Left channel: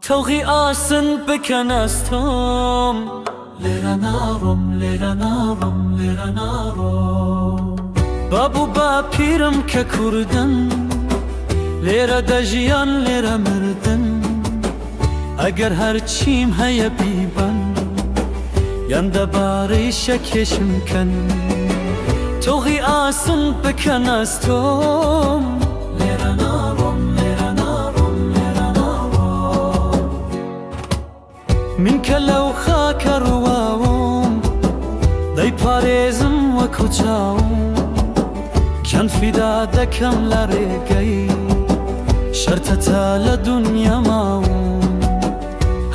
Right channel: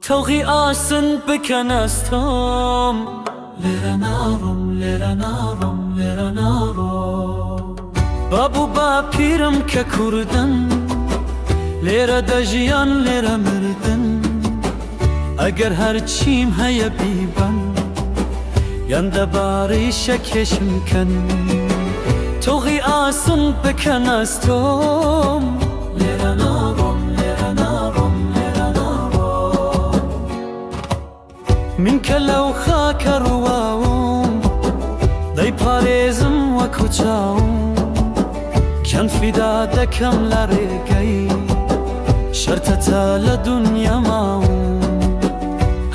توغی آسن بکن از توم بابو با پیرم که کردن لیره دجیان لیره مردن اگر هر چیم هیا بیبن یند باری شکشم کن توغی آسن بکن از توم من کلو خاک رواوم دی پارێزم وەکو چاوم کەن فیدا دەکەم لە ڕێگەی شەرتەتە لە دونیا ماوم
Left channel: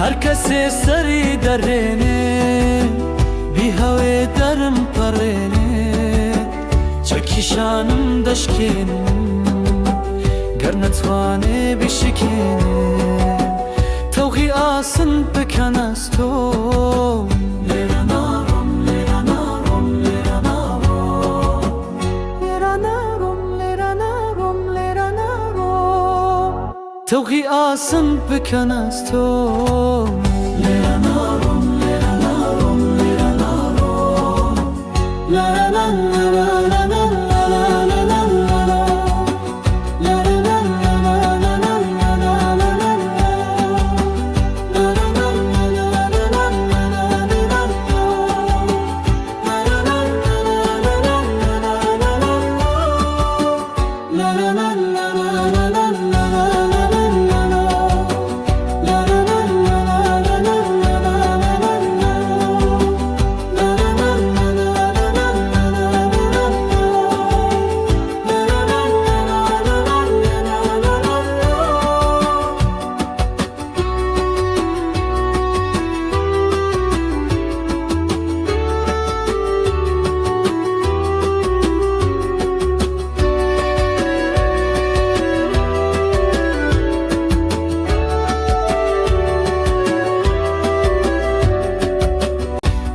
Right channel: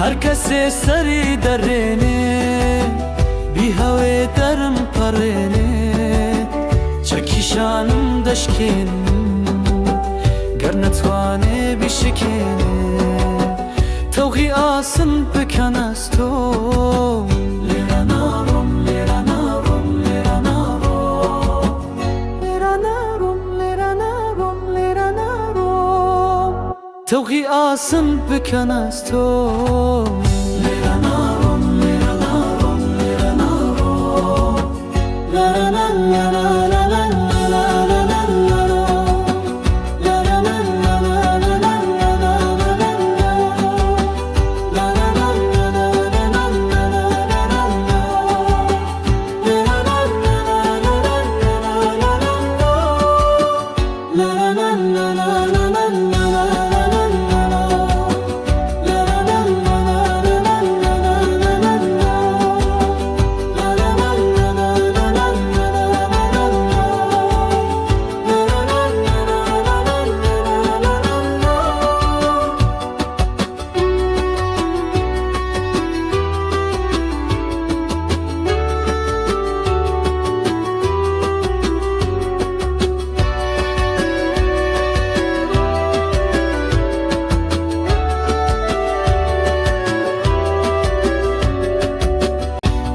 هەر کەسێ سەری دەڕێنێ بی هەوێ دەرم پەڕێنێ چەکیشانم دەشکێنم گەر نەتوانێ بیشکێنێ توغی آسن بکن از توم توغی آسن بکن از توم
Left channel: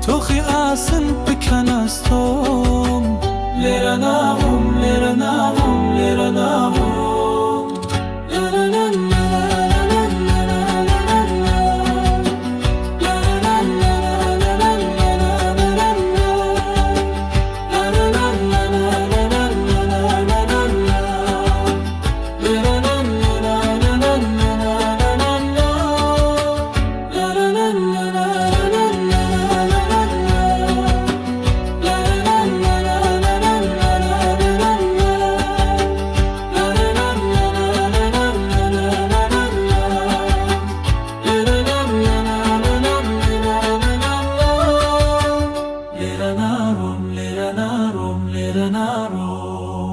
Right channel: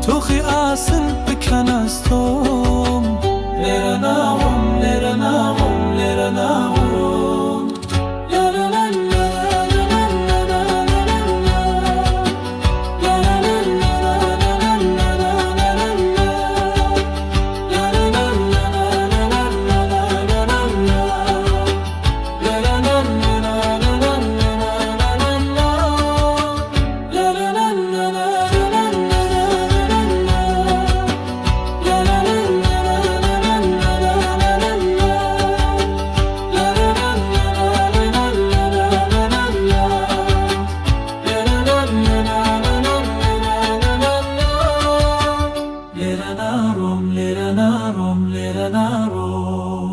توغی آسن بکن از توم لیره ناغم لیره ناغم لیره ناغم Lera narum, lera narum, lera narum.